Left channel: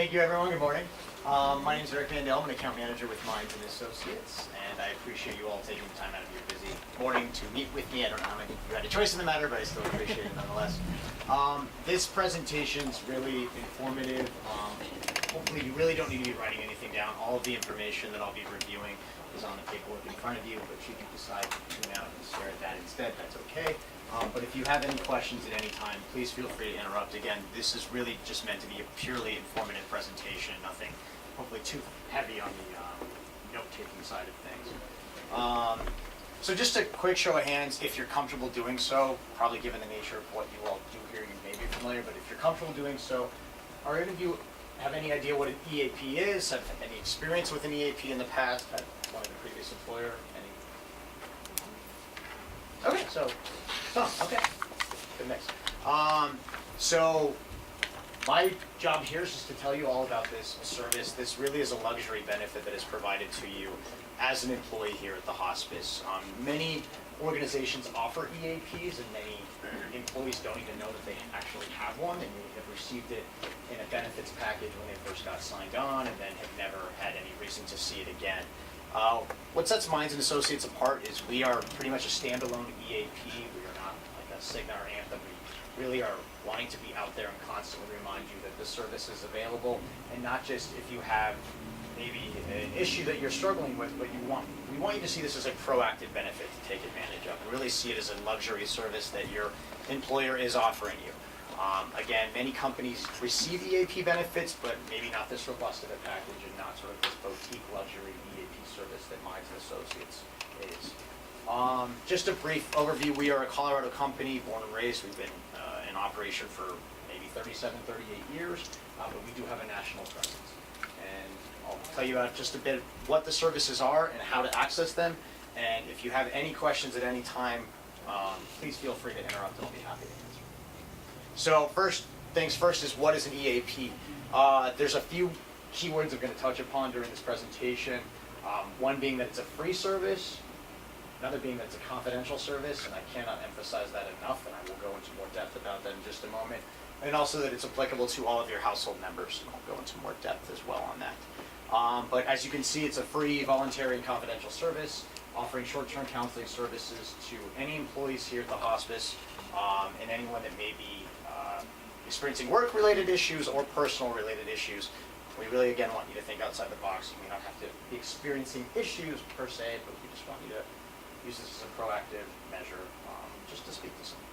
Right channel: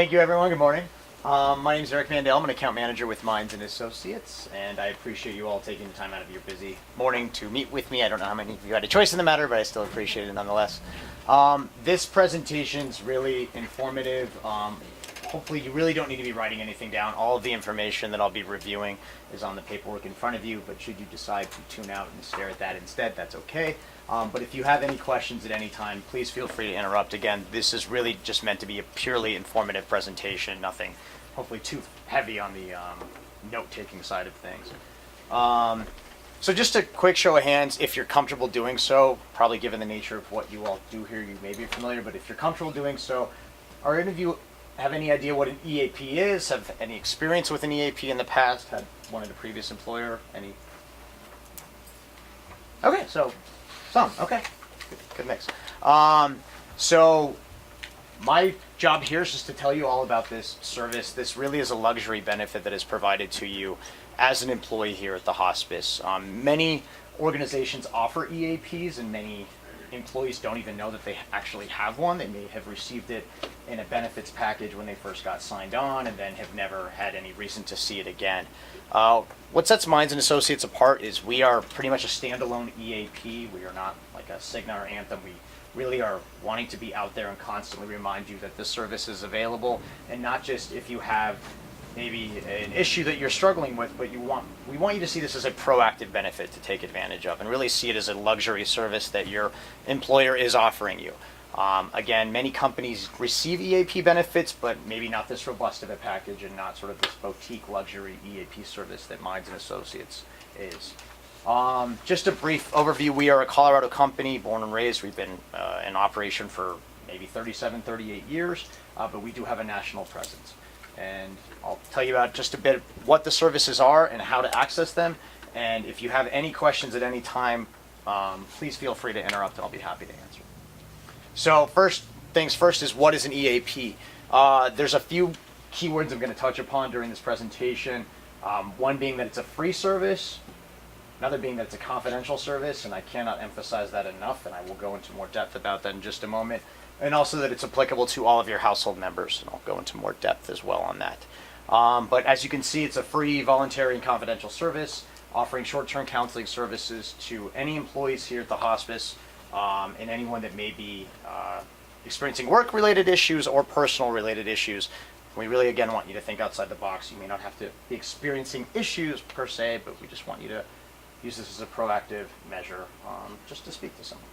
Thank you, everyone. Good morning. My name is Eric Mandel. I'm an account manager with Minds and Associates, and I appreciate you all taking the time out of your busy morning to meet with me. I don't know how many of you had a choice in the matter, but I still appreciate it nonetheless. This presentation is really informative. Hopefully, you really don't need to be writing anything down. All of the information that I'll be reviewing is on the paperwork in front of you, but should you decide to tune out and stare at that instead, that's okay. But if you have any questions at any time, please feel free to interrupt. Again, this is really just meant to be a purely informative presentation, nothing hopefully too heavy on the note-taking side of things. So just a quick show of hands, if you're comfortable doing so, probably given the nature of what you all do here, you may be familiar, but if you're comfortable doing so, are any of you have any idea what an EAP is? Have any experience with an EAP in the past? Had one of the previous employer? Any? Okay, so some. Okay, good mix. So my job here is just to tell you all about this service. This really is a luxury benefit that is provided to you as an employee here at the hospice. Many organizations offer EAPs, and many employees don't even know that they actually have one. They may have received it in a benefits package when they first got signed on, and then have never had any reason to see it again. What sets Minds and Associates apart is we are pretty much a standalone EAP. We are not like a Cigna or Anthem. We really are wanting to be out there and constantly remind you that this service is available, and not just if you have maybe an issue that you're struggling with, but we want you to see this as a proactive benefit to take advantage of, and really see it as a luxury service that your employer is offering you. Again, many companies receive EAP benefits, but maybe not this robust of a package, and not sort of this boutique luxury EAP service that Minds and Associates is. Just a brief overview, we are a Colorado company, born and raised. We've been in operation for maybe 37, 38 years, but we do have a national presence. And I'll tell you about just a bit what the services are and how to access them. And if you have any questions at any time, please feel free to interrupt and I'll be happy to answer. So first things first is, what is an EAP? There's a few keywords I'm going to touch upon during this presentation. One being that it's a free service, another being that it's a confidential service, and I cannot emphasize that enough, and I will go into more depth about that in just a moment. And also that it's applicable to all of your household members, and I'll go into more depth as well on that. But as you can see, it's a free, voluntary, and confidential service offering short-term counseling services to any employees here at the hospice, and anyone that may be experiencing work-related issues or personal-related issues. We really, again, want you to think outside the box. You may not have to be experiencing issues per se, but we just want you to use this as a proactive measure, just to speak to someone.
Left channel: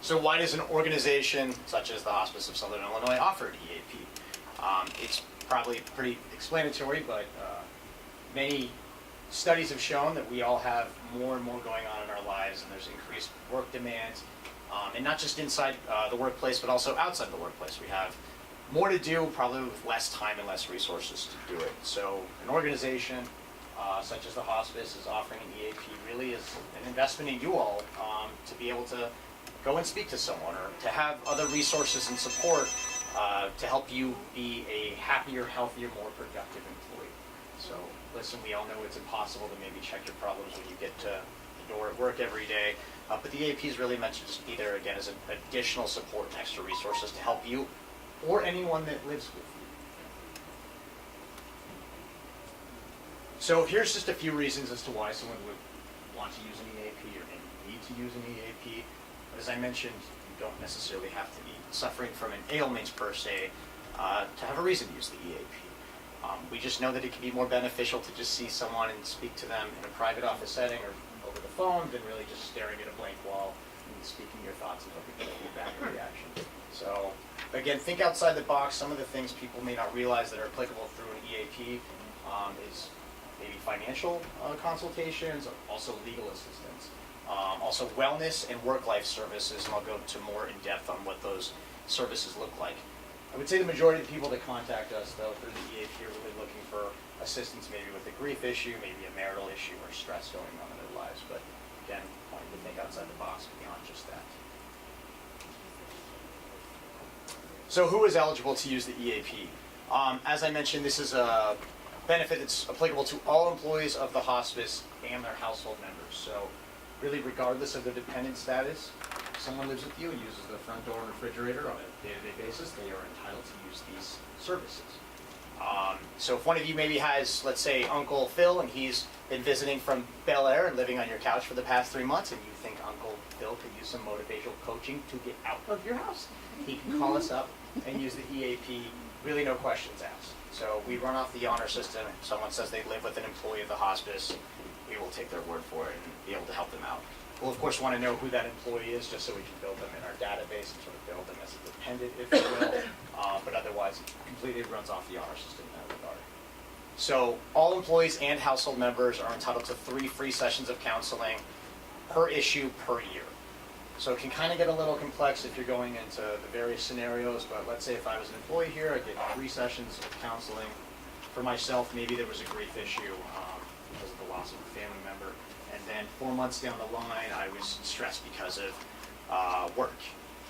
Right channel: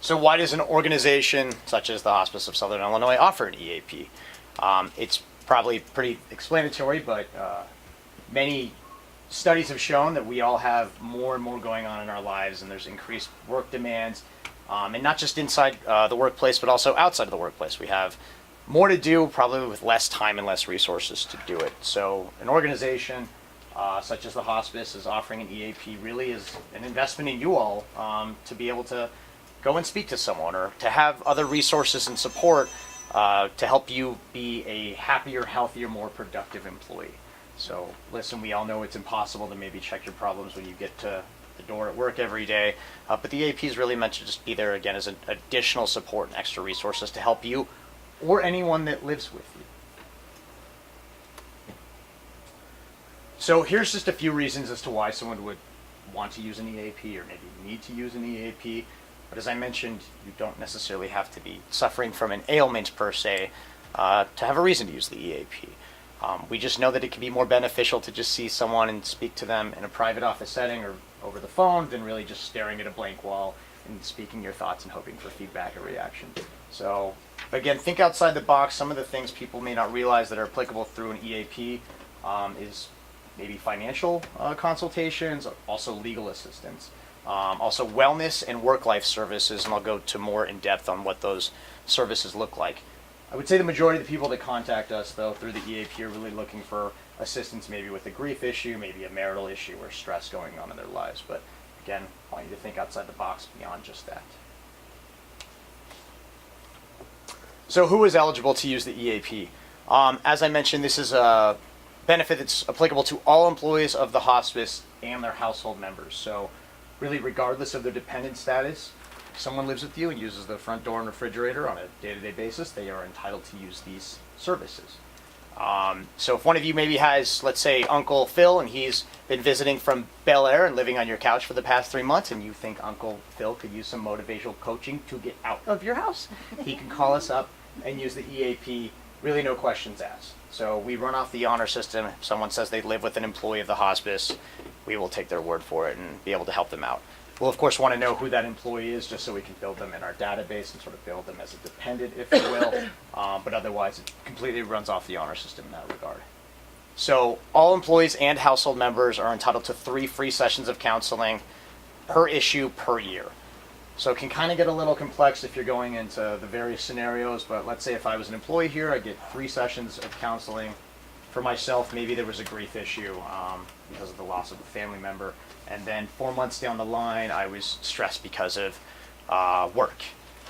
So why does an organization such as the Hospice of Southern Illinois offer an EAP? It's probably pretty explanatory, but many studies have shown that we all have more and more going on in our lives, and there's increased work demands, and not just inside the workplace, but also outside of the workplace. We have more to do, probably with less time and less resources to do it. So an organization such as the hospice is offering an EAP really is an investment in you all, to be able to go and speak to someone, or to have other resources and support to help you be a happier, healthier, more productive employee. So listen, we all know it's impossible to maybe check your problems when you get to the door at work every day, but the EAP is really meant to just be there, again, as an additional support and extra resources to help you or anyone that lives with you. So here's just a few reasons as to why someone would want to use an EAP, or maybe need to use an EAP. But as I mentioned, you don't necessarily have to be suffering from an ailment per se to have a reason to use the EAP. We just know that it can be more beneficial to just see someone and speak to them in a private office setting or over the phone than really just staring at a blank wall and speaking your thoughts and hoping for feedback or reaction. So again, think outside the box. Some of the things people may not realize that are applicable through an EAP is maybe financial consultations, also legal assistance. Also wellness and work-life services, and I'll go to more in depth on what those services look like. I would say the majority of the people that contact us, though, through the EAP are really looking for assistance, maybe with a grief issue, maybe a marital issue, or stress going on in their lives. But again, I want you to think outside the box beyond just that. So who is eligible to use the EAP? As I mentioned, this is a benefit that's applicable to all employees of the hospice and their household members. So really, regardless of their dependent status, someone lives with you and uses the front door and refrigerator on a day-to-day basis, they are entitled to use these services. So if one of you maybe has, let's say, Uncle Phil, and he's been visiting from Bel Air and living on your couch for the past 3 months, and you think Uncle Phil could use some motivational coaching to get out of your house, he can call us up and use the EAP, really no questions asked. So we run off the honor system. If someone says they live with an employee of the hospice, we will take their word for it and be able to help them out. We'll, of course, want to know who that employee is just so we can build them in our database and sort of build them as a dependent, if you will. But otherwise, it completely runs off the honor system in that regard. So all employees and household members are entitled to 3 free sessions of counseling per issue per year. So it can kind of get a little complex if you're going into the various scenarios, but let's say if I was an employee here, I'd get 3 sessions of counseling. For myself, maybe there was a grief issue because of the loss of a family member. And then 4 months down the line, I was stressed because of work.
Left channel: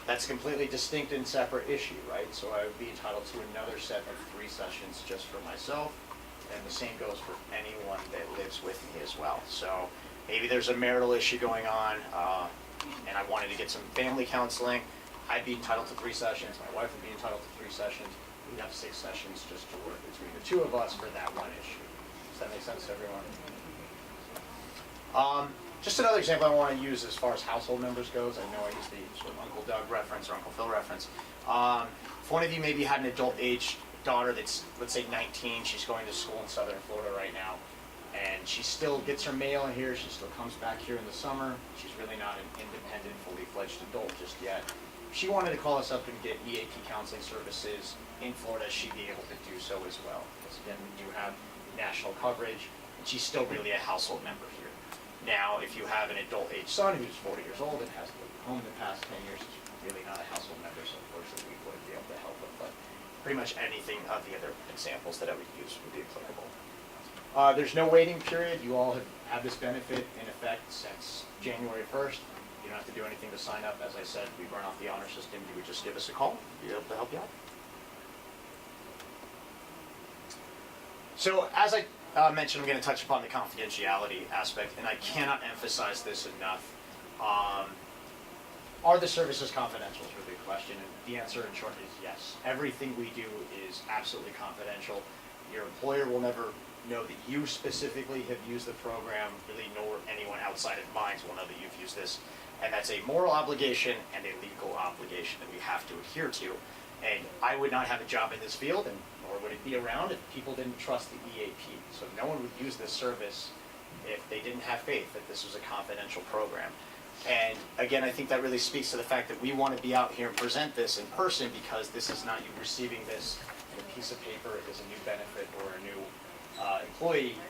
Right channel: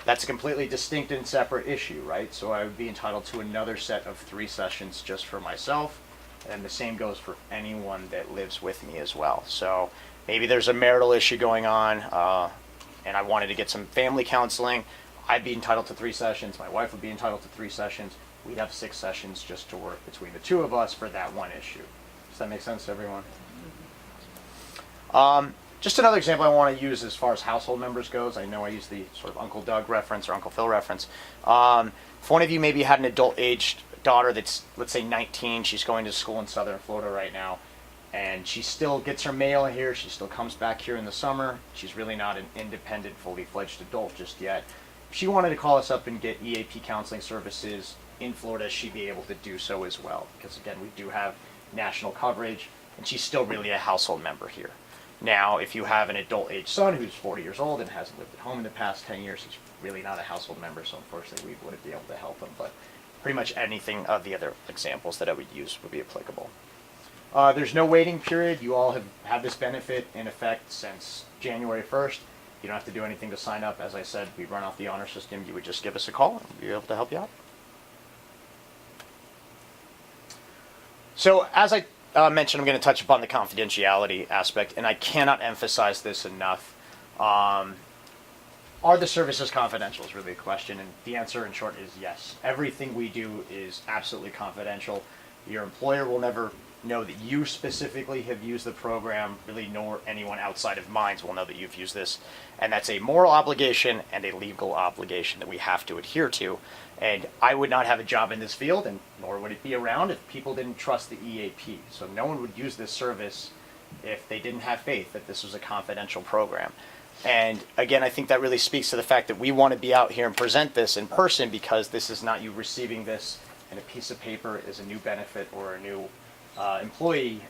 That's a completely distinct and separate issue, right? So I would be entitled to another set of 3 sessions just for myself. And the same goes for anyone that lives with me as well. So maybe there's a marital issue going on, and I wanted to get some family counseling. I'd be entitled to 3 sessions. My wife would be entitled to 3 sessions. We'd have 6 sessions just to work between the 2 of us for that one issue. Does that make sense to everyone? Just another example I want to use as far as household members goes. I know I use the sort of Uncle Doug reference or Uncle Phil reference. If one of you maybe had an adult-aged daughter that's, let's say, 19, she's going to school in Southern Florida right now, and she still gets her mail here, she still comes back here in the summer, she's really not an independent, fully fledged adult just yet. If she wanted to call us up and get EAP counseling services in Florida, she'd be able to do so as well, because again, we do have national coverage, and she's still really a household member here. Now, if you have an adult-age son who's 40 years old and hasn't lived at home in the past 10 years, he's really not a household member, so unfortunately we wouldn't be able to help him, but pretty much anything of the other examples that I would use would be applicable. There's no waiting period. You all have had this benefit in effect since January 1st. You don't have to do anything to sign up. As I said, we run off the honor system. You would just give us a call. We'd be able to help you out. So as I mentioned, I'm going to touch upon the confidentiality aspect, and I cannot emphasize this enough. Are the services confidential is really a question, and the answer in short is yes. Everything we do is absolutely confidential. Your employer will never know that you specifically have used the program, really, nor anyone outside of Minds will know that you've used this. And that's a moral obligation and a legal obligation that we have to adhere to. And I would not have a job in this field, and nor would it be around if people didn't trust the EAP. So no one would use this service if they didn't have faith that this was a confidential program. And again, I think that really speaks to the fact that we want to be out here and present this in person, because this is not you receiving this in a piece of paper as a new benefit or a new employee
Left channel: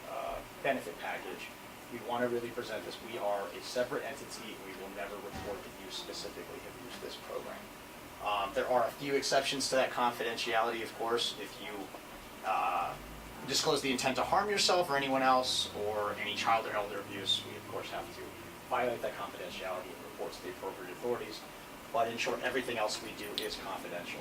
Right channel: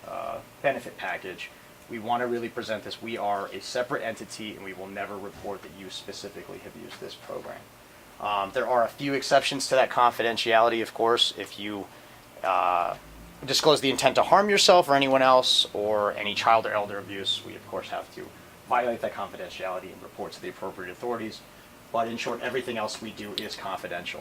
benefit package. We want to really present this. We are a separate entity, and we will never report that you specifically have used this program. There are a few exceptions to that confidentiality, of course. If you disclose the intent to harm yourself or anyone else, or any child or elder abuse, we of course have to violate that confidentiality and report to the appropriate authorities. But in short, everything else we do is confidential.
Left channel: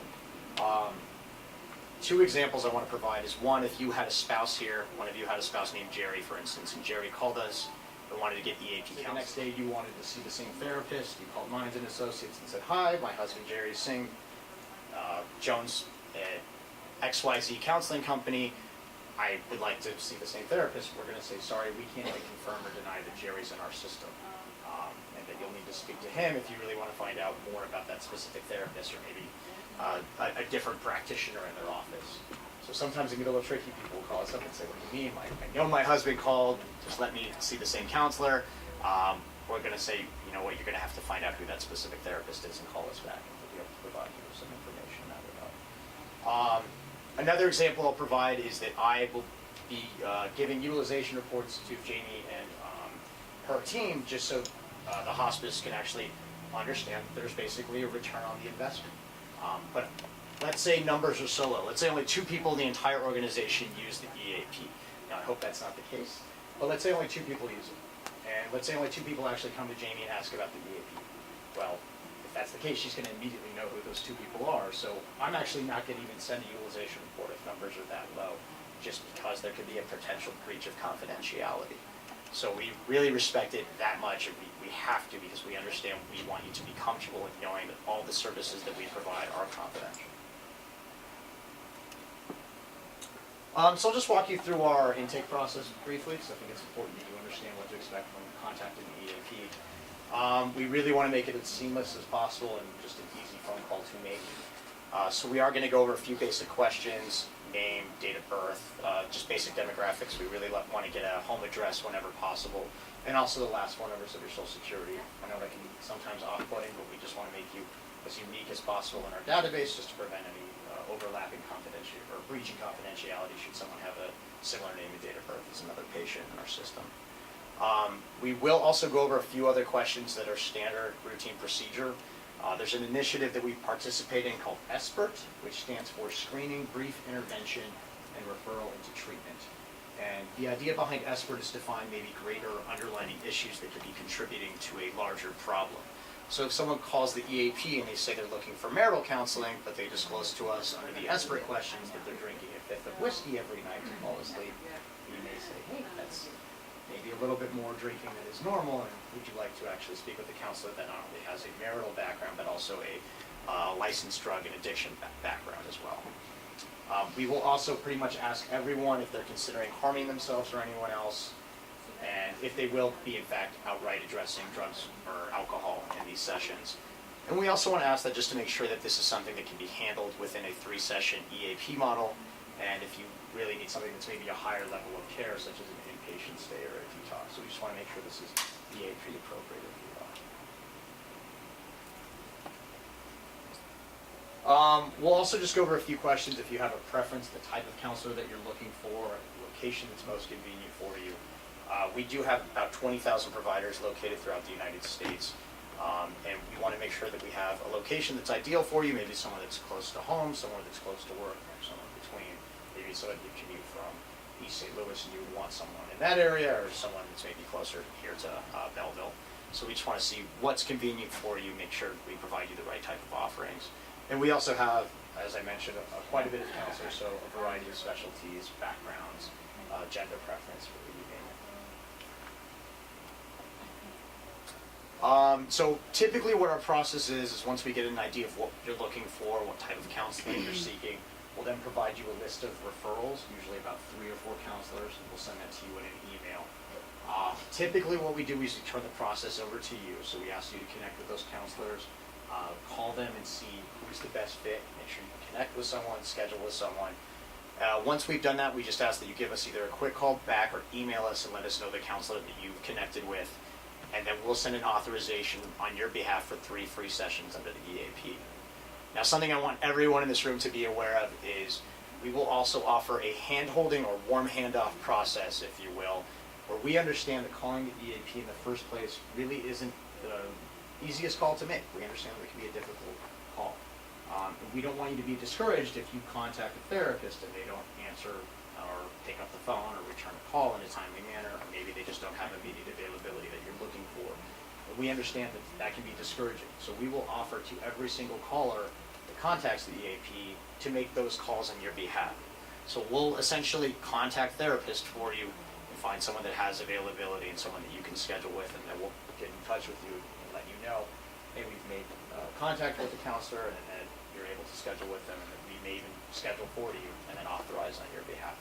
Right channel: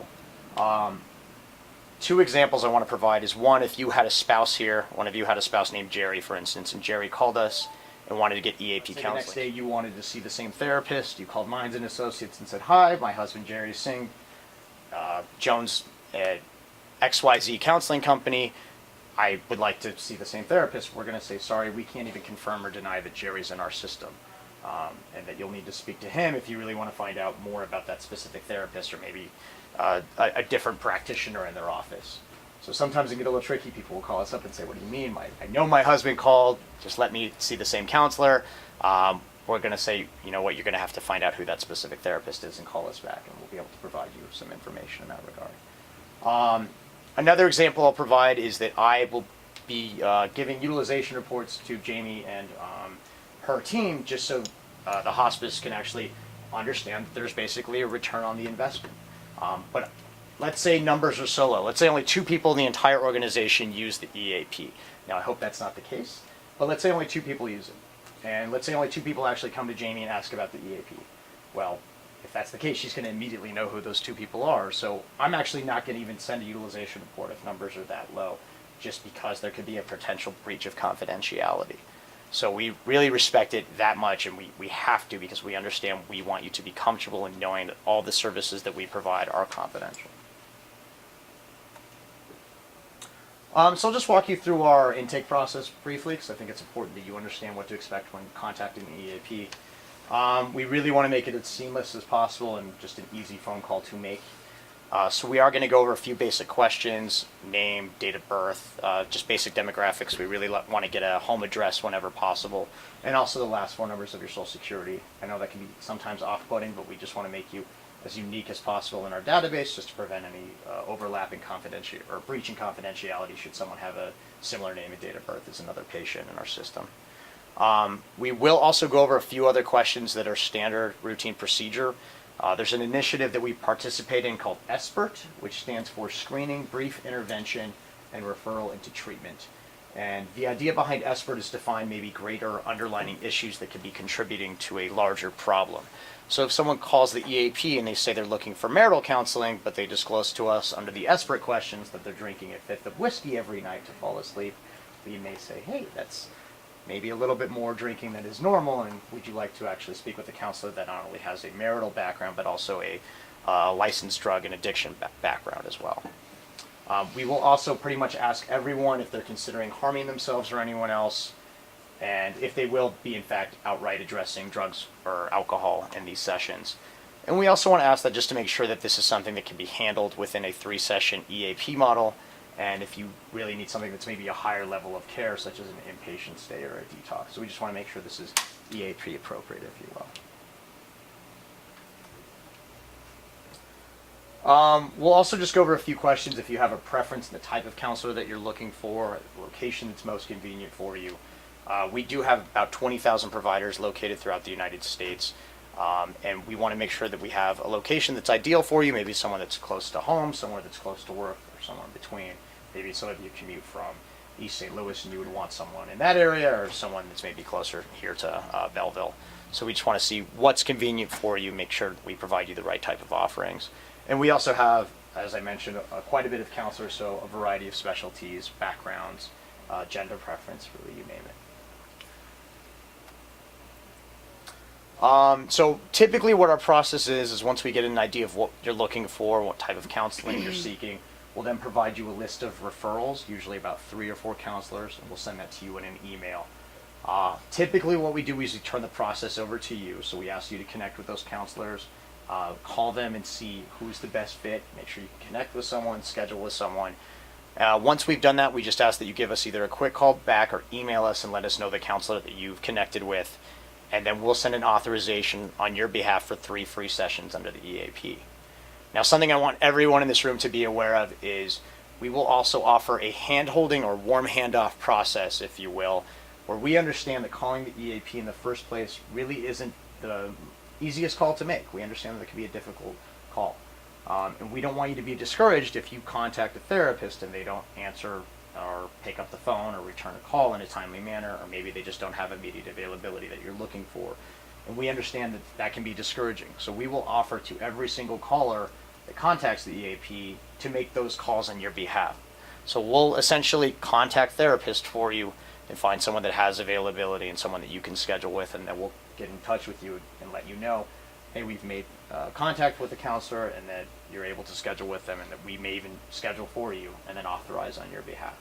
2 examples I want to provide is, one, if you had a spouse here, one of you had a spouse named Jerry, for instance, and Jerry called us and wanted to get EAP counseling. The next day you wanted to see the same therapist. You called Minds and Associates and said, "Hi, my husband Jerry Singh, Jones at XYZ Counseling Company. I would like to see the same therapist." We're going to say, "Sorry, we can't even confirm or deny that Jerry's in our system, and that you'll need to speak to him if you really want to find out more about that specific therapist, or maybe a different practitioner in their office." So sometimes it get a little tricky. People will call us up and say, "What do you mean? I know my husband called. Just let me see the same counselor." We're going to say, "You know what? You're going to have to find out who that specific therapist is and call us back, and we'll be able to provide you with some information in that regard." Another example I'll provide is that I will be giving utilization reports to Jamie and her team, just so the hospice can actually understand that there's basically a return on the investment. But let's say numbers are so low. Let's say only 2 people in the entire organization use the EAP. Now, I hope that's not the case, but let's say only 2 people use it. And let's say only 2 people actually come to Jamie and ask about the EAP. Well, if that's the case, she's going to immediately know who those 2 people are. So I'm actually not going to even send a utilization report if numbers are that low, just because there could be a potential breach of confidentiality. So we really respect it that much, and we have to, because we understand we want you to be comfortable in knowing that all the services that we provide are confidential. So I'll just walk you through our intake process briefly, because I think it's important that you understand what to expect when contacting the EAP. We really want to make it as seamless as possible and just an easy phone call to make. So we are going to go over a few basic questions: name, date of birth, just basic demographics. We really want to get a home address whenever possible, and also the last four numbers of your social security. I know that can be sometimes off-putting, but we just want to make you as unique as possible in our database, just to prevent any overlapping confidentiality or breaching confidentiality should someone have a similar name and date of birth as another patient in our system. We will also go over a few other questions that are standard routine procedure. There's an initiative that we participate in called SBIRT, which stands for Screening, Brief Intervention, and Referral into Treatment. And the idea behind SBIRT is to find maybe greater underlying issues that could be contributing to a larger problem. So if someone calls the EAP and they say they're looking for marital counseling, but they disclose to us under the SBIRT questions that they're drinking a fifth of whiskey every night to fall asleep, we may say, hey, that's maybe a little bit more drinking than is normal, and would you like to actually speak with a counselor that not only has a marital background, but also a licensed drug and addiction background as well. We will also pretty much ask everyone if they're considering harming themselves or anyone else, and if they will be in fact outright addressing drugs or alcohol in these sessions. And we also want to ask that just to make sure that this is something that can be handled within a 3-session EAP model, and if you really need something that's maybe a higher level of care, such as an inpatient stay or a detox. So we just want to make sure this is EAP appropriate, if you will. We'll also just go over a few questions if you have a preference in the type of counselor that you're looking for, the location that's most convenient for you. We do have about 20,000 providers located throughout the United States, and we want to make sure that we have a location that's ideal for you, maybe someone that's close to home, somewhere that's close to work, or somewhere in between. Maybe some of you commute from East St. Louis and you would want someone in that area, or someone that's maybe closer here to Belleville. So we just want to see what's convenient for you, make sure that we provide you the right type of offerings. And we also have, as I mentioned, quite a bit of counselors, so a variety of specialties, backgrounds, gender preference, really, you name it. So typically what our process is once we get an idea of what you're looking for, what type of counseling you're seeking, we'll then provide you a list of referrals, usually about 3 or 4 counselors, and we'll send that to you in an email. Typically what we do is we turn the process over to you, so we ask you to connect with those counselors, call them and see who's the best fit, make sure you can connect with someone, schedule with someone. Once we've done that, we just ask that you give us either a quick call back or email us and let us know the counselor that you've connected with, and then we'll send an authorization on your behalf for 3 free sessions under the EAP. Now, something I want everyone in this room to be aware of is we will also offer a hand-holding or warm handoff process, if you will, where we understand that calling the EAP in the first place really isn't the easiest call to make. We understand that it can be a difficult call. And we don't want you to be discouraged if you contact a therapist and they don't answer or pick up the phone or return a call in a timely manner, or maybe they just don't have immediate availability that you're looking for. And we understand that that can be discouraging. So we will offer to every single caller that contacts the EAP to make those calls on your behalf. So we'll essentially contact therapists for you and find someone that has availability and someone that you can schedule with, and then we'll get in touch with you and let you know, hey, we've made contact with a counselor, and that you're able to schedule with them, and that we may even schedule for you and then authorize on your behalf.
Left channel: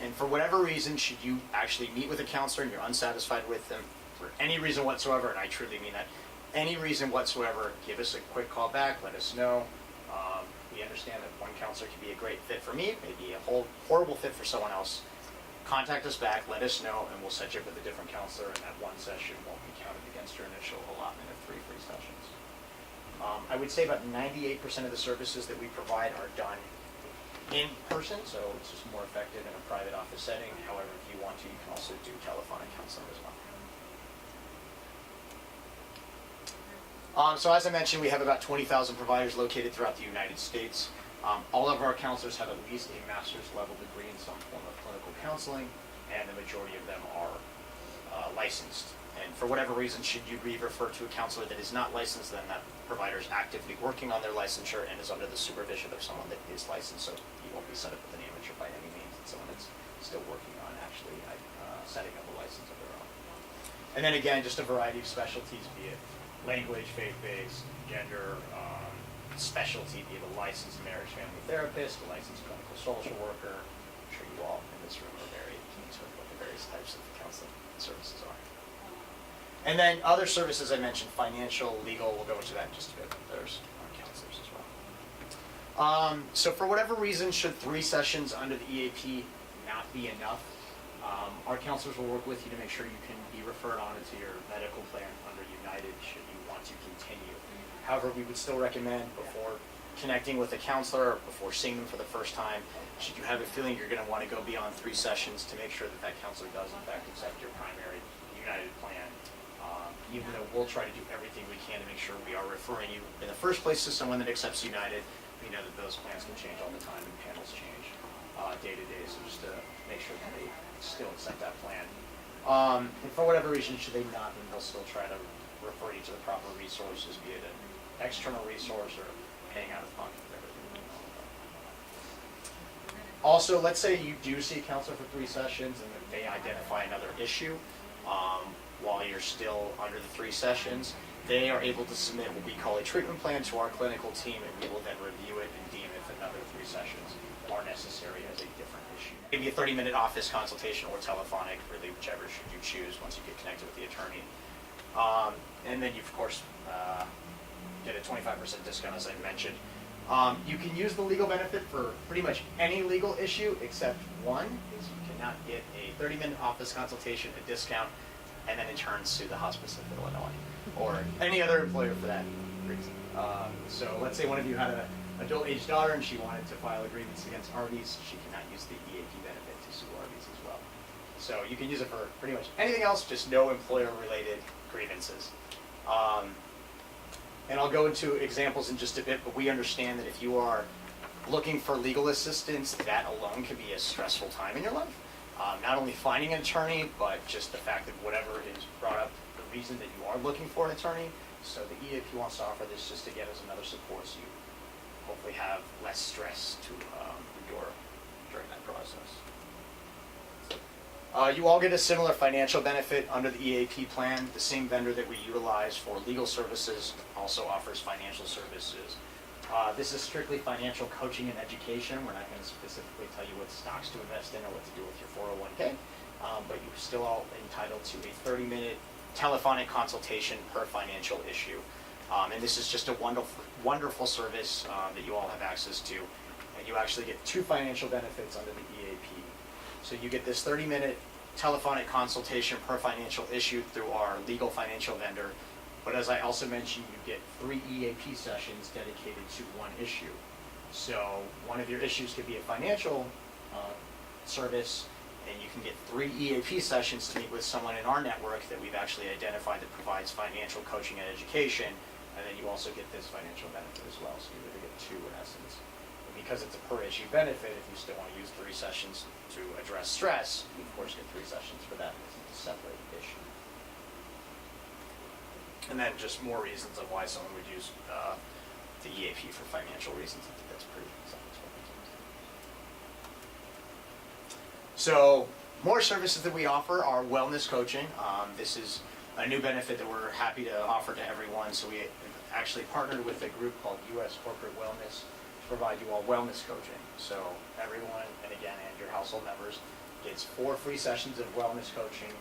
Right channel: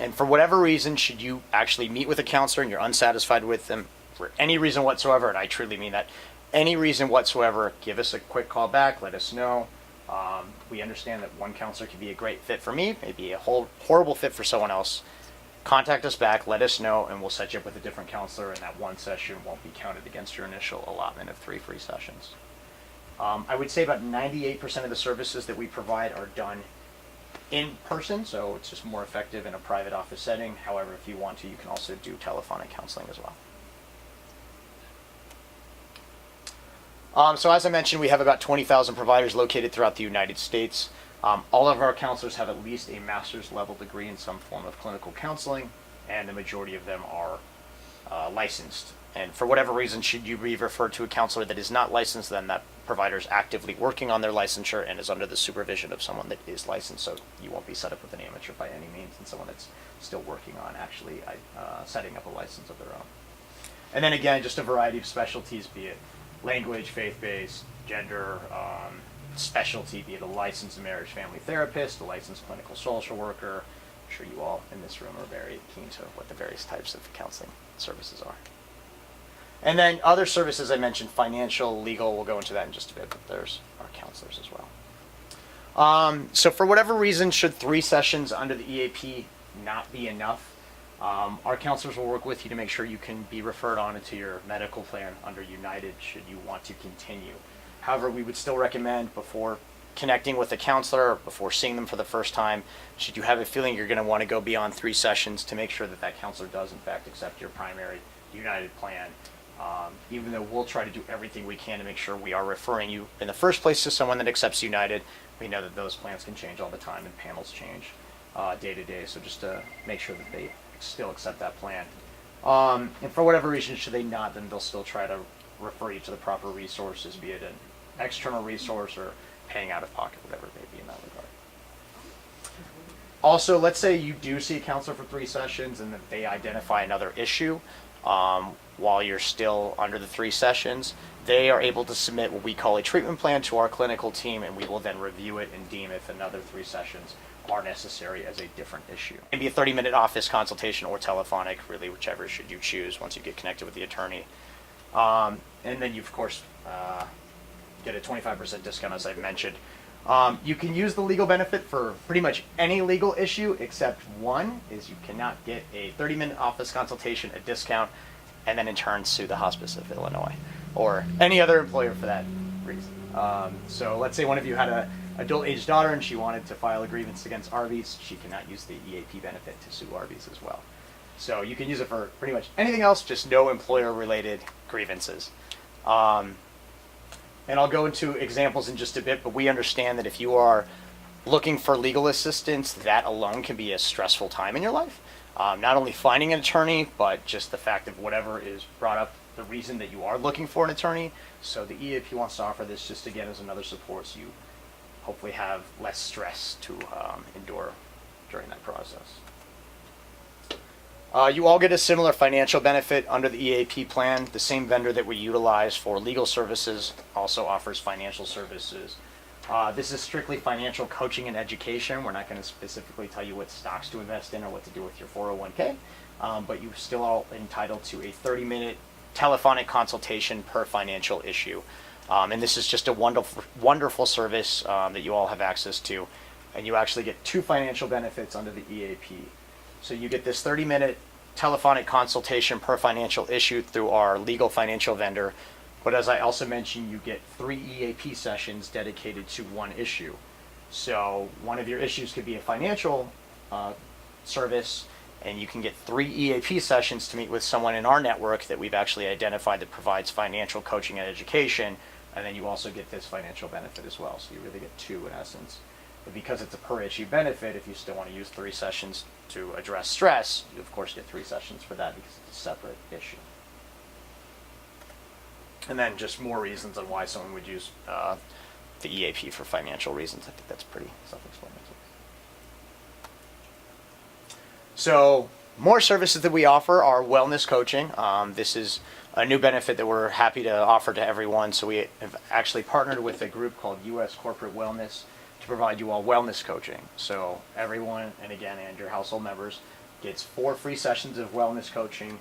And for whatever reason, should you actually meet with a counselor and you're unsatisfied with them for any reason whatsoever, and I truly mean that, any reason whatsoever, give us a quick call back, let us know. We understand that one counselor can be a great fit for me, maybe a horrible fit for someone else. Contact us back, let us know, and we'll set you up with a different counselor, and that one session won't be counted against your initial allotment of 3 free sessions. I would say about 98% of the services that we provide are done in person, so it's just more effective in a private office setting. However, if you want to, you can also do telephonic counseling as well. So as I mentioned, we have about 20,000 providers located throughout the United States. All of our counselors have at least a master's level degree in some form of clinical counseling, and the majority of them are licensed And for whatever reason, should you be referred to a counselor that is not licensed, then that provider is actively working on their licensure and is under the supervision of someone that is licensed. So you won't be set up with an amateur by any means, and someone that's still working on actually setting up a license of their own. And then again, just a variety of specialties, be it language, faith-based, gender, specialty, be it a licensed marriage family therapist, a licensed clinical social worker. I'm sure you all in this room are very keen to what the various types of counseling services are. And then other services I mentioned, financial, legal, we'll go into that in just a bit, but there's our counselors as well. So for whatever reason, should 3 sessions under the EAP not be enough, our counselors will work with you to make sure you can be referred on into your medical plan under United should you want to continue. However, we would still recommend before connecting with a counselor or before seeing them for the first time, should you have a feeling you're going to want to go beyond 3 sessions, to make sure that that counselor does in fact accept your primary United plan. Even though we'll try to do everything we can to make sure we are referring you in the first place to someone that accepts United, we know that those plans can change all the time and panels change day to day. So just to make sure that they still accept that plan. And for whatever reason, should they not, then they'll still try to refer you to the proper resources, be it an external resource or paying out of pocket, whatever it may be in that regard. Also, let's say you do see a counselor for 3 sessions and that they identify another issue while you're still under the 3 sessions. They are able to submit what we call a treatment plan to our clinical team, and we will then review it and deem if another 3 sessions are necessary as a different issue. Maybe a 30-minute office consultation or telephonic, really whichever should you choose once you get connected with the attorney. And then you, of course, get a 25% discount, as I mentioned. You can use the legal benefit for pretty much any legal issue except one, is you cannot get a 30-minute office consultation, a discount, and then in turn sue the Hospice of Illinois or any other employer for that reason. So let's say one of you had an adult-aged daughter and she wanted to file a grievance against Arby's, she cannot use the EAP benefit to sue Arby's as well. So you can use it for pretty much anything else, just no employer-related grievances. And I'll go into examples in just a bit, but we understand that if you are looking for legal assistance, that alone can be a stressful time in your life. Not only finding an attorney, but just the fact that whatever is brought up, the reason that you are looking for an attorney. So the EAP wants to offer this just again as another support, so you hopefully have less stress to endure during that process. You all get a similar financial benefit under the EAP plan. The same vendor that we utilize for legal services also offers financial services. This is strictly financial coaching and education. We're not going to specifically tell you what stocks to invest in or what to do with your 401k, but you're still all entitled to a 30-minute telephonic consultation per financial issue. And this is just a wonderful service that you all have access to. And you actually get 2 financial benefits under the EAP. So you get this 30-minute telephonic consultation per financial issue through our legal financial vendor. But as I also mentioned, you get 3 EAP sessions dedicated to one issue. So one of your issues could be a financial service, and you can get 3 EAP sessions to meet with someone in our network that we've actually identified that provides financial coaching and education, and then you also get this financial benefit as well. So you really get 2 in essence. But because it's a per issue benefit, if you still want to use 3 sessions to address stress, you of course get 3 sessions for that because it's a separate issue. And then just more reasons on why someone would use the EAP for financial reasons. I think that's pretty self-explanatory. So more services that we offer are wellness coaching. This is a new benefit that we're happy to offer to everyone. So we have actually partnered with a group called U.S. Corporate Wellness to provide you all wellness coaching. So everyone, and again, and your household members, gets 4 free sessions of wellness coaching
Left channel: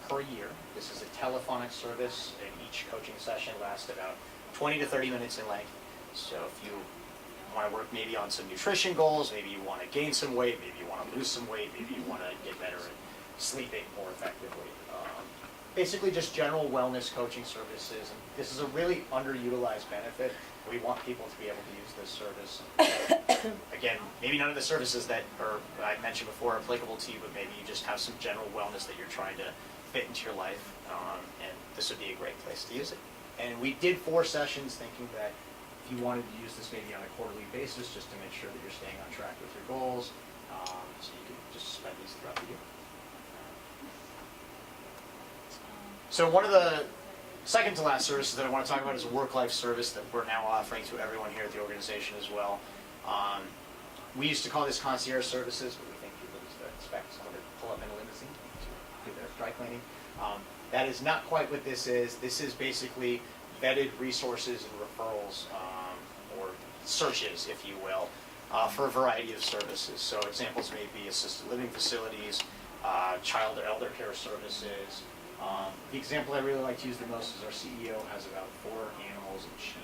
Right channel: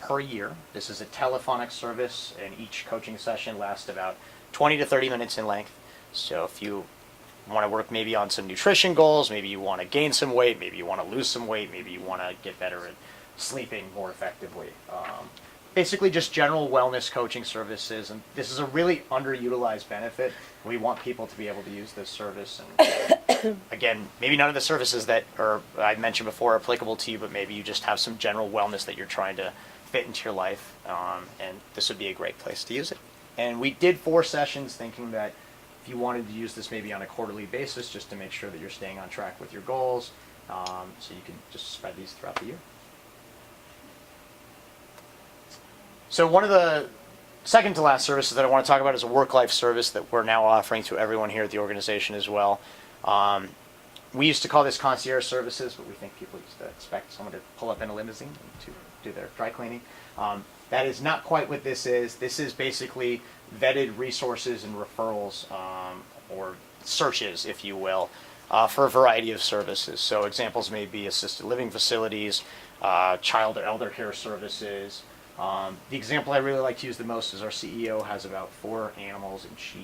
per year. This is a telephonic service, and each coaching session lasts about 20 to 30 minutes in length. So if you want to work maybe on some nutrition goals, maybe you want to gain some weight, maybe you want to lose some weight, maybe you want to get better at sleeping more effectively. Basically just general wellness coaching services, and this is a really underutilized benefit. We want people to be able to use this service. And again, maybe none of the services that I mentioned before are applicable to you, but maybe you just have some general wellness that you're trying to fit into your life, and this would be a great place to use it. And we did 4 sessions thinking that if you wanted to use this maybe on a quarterly basis, just to make sure that you're staying on track with your goals, so you can just spread these throughout the year. So one of the second to last services that I want to talk about is a work-life service that we're now offering to everyone here at the organization as well. We used to call this concierge services, but we think people just expect someone to pull up in a limousine to do their dry cleaning. That is not quite what this is. This is basically vetted resources and referrals, or searches, if you will, for a variety of services. So examples may be assisted living facilities, child or elder care services. The example I really like to use the most is our CEO has about 4 animals, and she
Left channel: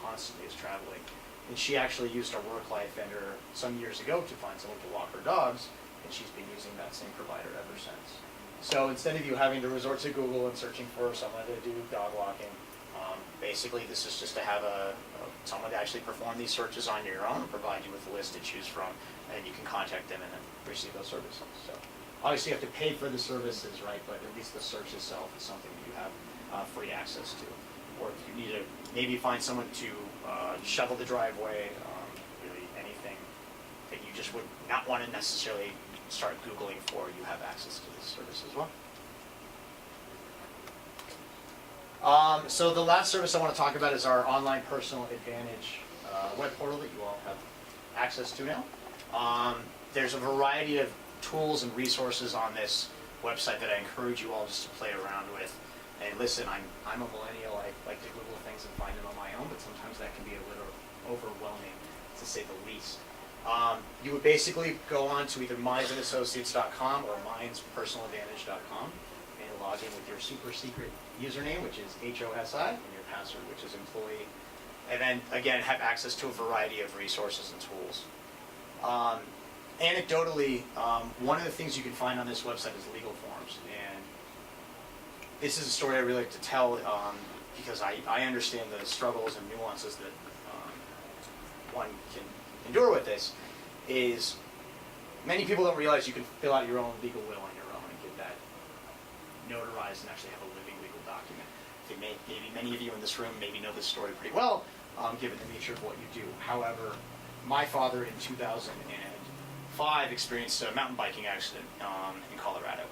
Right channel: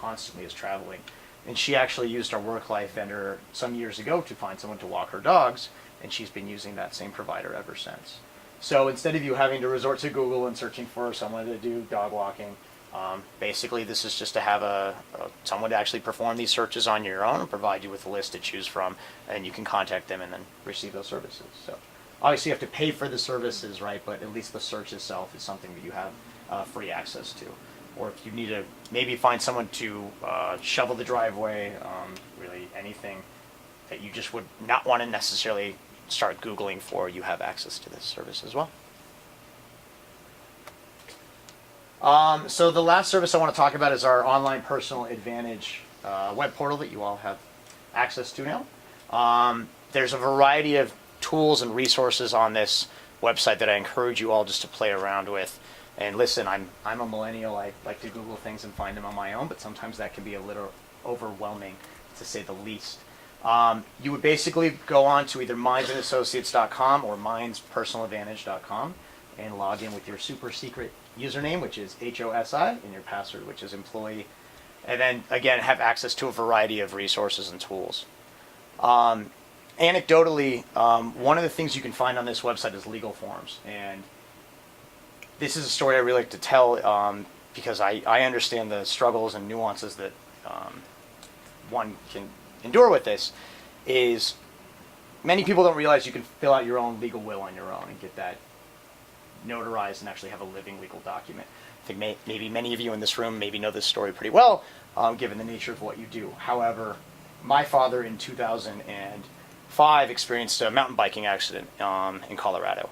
constantly is traveling. And she actually used our work-life vendor some years ago to find someone to walk her dogs, and she's been using that same provider ever since. So instead of you having to resort to Google and searching for someone to do dog walking, basically this is just to have someone to actually perform these searches on your own and provide you with a list to choose from, and you can contact them and then receive those services. So obviously you have to pay for the services, right? But at least the search itself is something that you have free access to. Or if you need to maybe find someone to shovel the driveway, really anything that you just would not want to necessarily start Googling for, you have access to this service as well. So the last service I want to talk about is our online personal advantage web portal that you all have access to now. There's a variety of tools and resources on this website that I encourage you all just to play around with. And listen, I'm a millennial. I like to Google things and find them on my own, but sometimes that can be a little overwhelming, to say the least. You would basically go on to either mindsandassociates.com or mindspersonaladvantage.com and log in with your super secret username, which is HOSI, and your password, which is employee. And then, again, have access to a variety of resources and tools. Anecdotally, one of the things you can find on this website is legal forms. And this is a story I really like to tell because I understand the struggles and nuances that one can endure with this. Is many people don't realize you can fill out your own legal will on your own and get that notarized and actually have a living legal document. I think maybe many of you in this room maybe know this story pretty well, given the nature of what you do. However, my father in 2005 experienced a mountain biking accident in Colorado.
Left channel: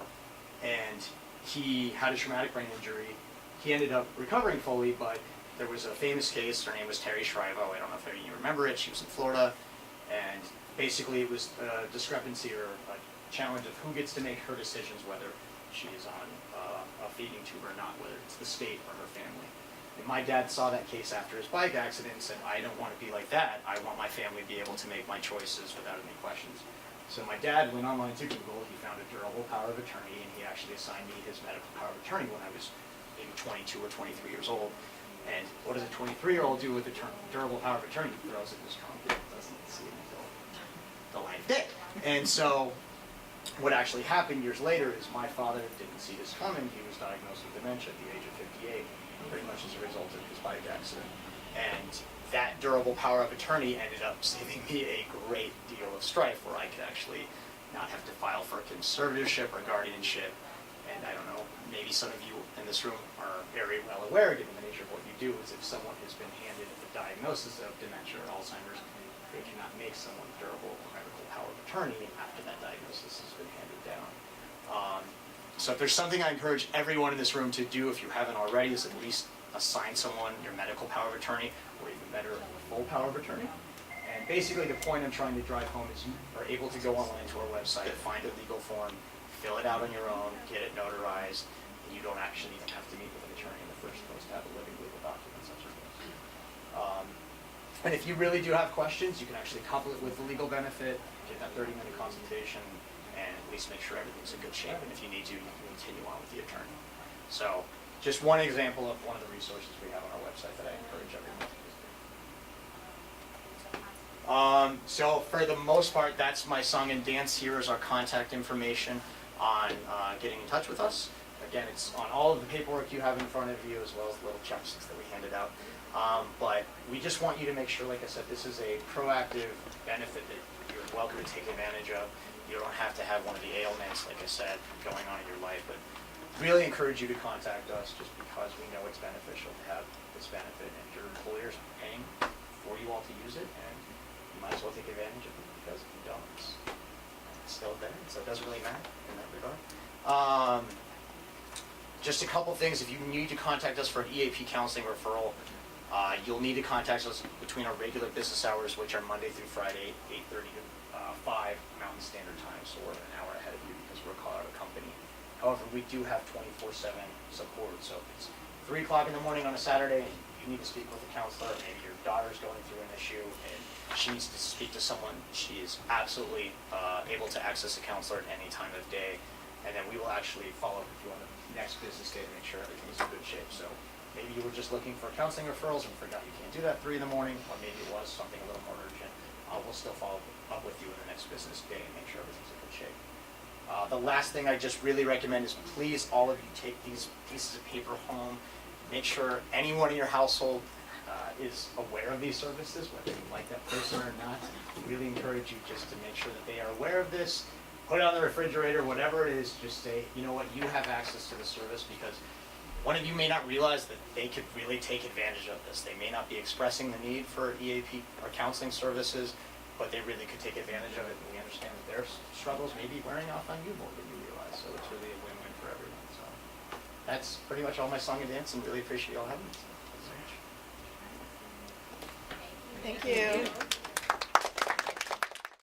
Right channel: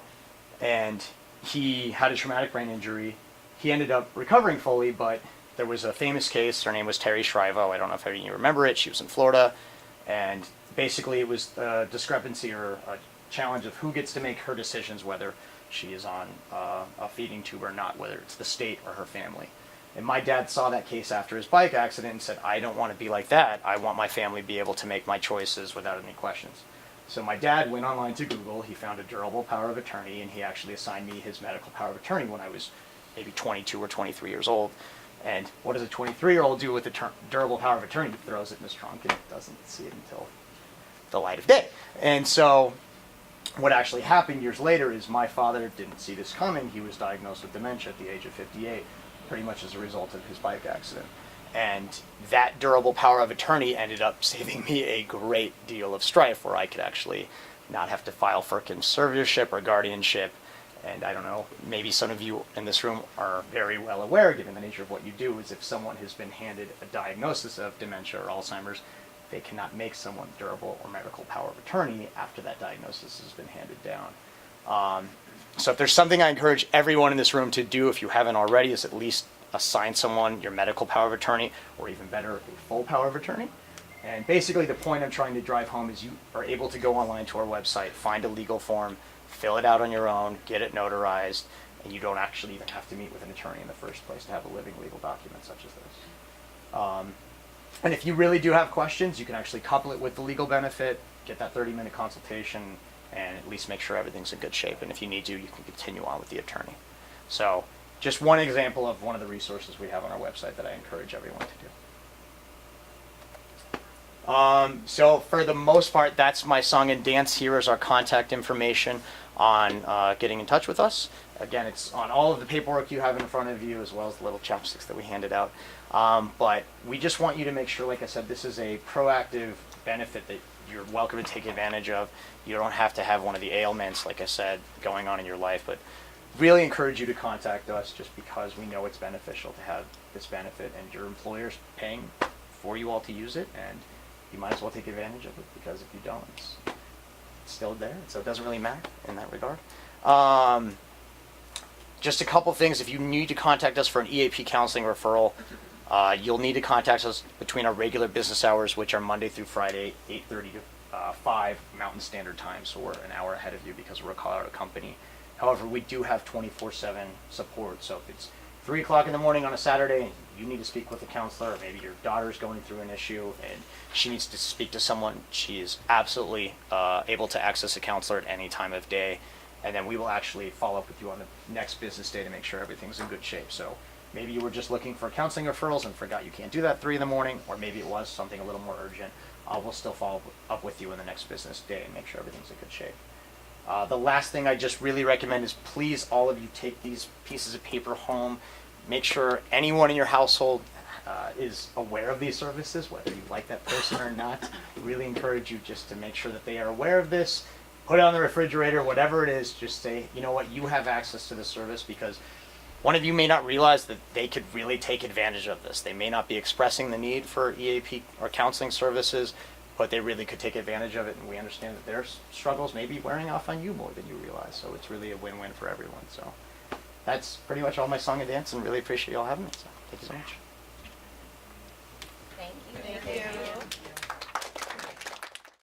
And he had a traumatic brain injury. He ended up recovering fully, but there was a famous case. Her name was Terry Shrivo. I don't know if any of you remember it. She was in Florida. And basically it was a discrepancy or a challenge of who gets to make her decisions, whether she is on a feeding tube or not, whether it's the state or her family. And my dad saw that case after his bike accident and said, I don't want to be like that. I want my family to be able to make my choices without any questions. So my dad went online to Google, he found a durable power of attorney, and he actually assigned me his medical power of attorney when I was maybe 22 or 23 years old. And what does a 23-year-old do with a durable power of attorney? He throws it in his trunk and doesn't see it until the light of day. And so what actually happened years later is my father didn't see this coming. He was diagnosed with dementia at the age of 58, pretty much as a result of his bike accident. And that durable power of attorney ended up saving me a great deal of strife, where I could actually not have to file for conservatorship or guardianship. And I don't know, maybe some of you in this room are very well aware, given the nature of what you do, is if someone has been handed a diagnosis of dementia or Alzheimer's, they cannot make someone durable or medical power of attorney after that diagnosis has been handed down. So if there's something I encourage everyone in this room to do, if you haven't already, is at least assign someone your medical power of attorney, or even better, full power of attorney. And basically the point I'm trying to drive home is you are able to go online to our website, find a legal form, fill it out on your own, get it notarized, and you don't actually even have to meet with an attorney in the first place to have a living legal document such as this. And if you really do have questions, you can actually couple it with the legal benefit, get that 30-minute consultation, and at least make sure everything's in good shape. And if you need to, you can continue on with the attorney. So just one example of one of the resources we have on our website that I encourage everyone to do. So for the most part, that's my song and dance. Here is our contact information on getting in touch with us. Again, it's on all of the paperwork you have in front of you, as well as the little chopsticks that we handed out. But we just want you to make sure, like I said, this is a proactive benefit that you're welcome to take advantage of. You don't have to have one of the ailments, like I said, going on in your life, but really encourage you to contact us just because we know it's beneficial to have this benefit, and your employer's paying for you all to use it, and you might as well take advantage of it, because if you don't, it's still there, so it doesn't really matter in that regard. just a couple things. If you need to contact us for an EAP counseling referral, you'll need to contact us between our regular business hours, which are Monday through Friday, 8:30 to 5 Mountain Standard Time. So we're an hour ahead of you because we're a Colorado company. However, we do have 24/7 support. So if it's 3 o'clock in the morning on a Saturday and you need to speak with a counselor, or maybe your daughter's going through an issue and she needs to speak to someone, she is absolutely able to access a counselor at any time of day. And then we will actually follow up with you on the next business day to make sure everything's in good shape. So maybe you were just looking for counseling referrals and forgot you can't do that at 3 in the morning, or maybe it was something a little more urgent. We'll still follow up with you in the next business day and make sure everything's in good shape. The last thing I just really recommend is please, all of you, take these pieces of paper home. Make sure anyone in your household is aware of these services, whether you like that person or not. Really encourage you just to make sure that they are aware of this. Put it on the refrigerator, whatever it is, just say, you know what, you have access to this service, because one of you may not realize that they could really take advantage of this. They may not be expressing the need for EAP or counseling services, but they really could take advantage of it, and we understand that their struggles may be wearing off on you more than you realize, so it's really a win-win for everyone. So that's pretty much all my song and dance, and really appreciate y'all having me. So thanks so much.